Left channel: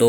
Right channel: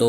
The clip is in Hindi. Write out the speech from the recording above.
2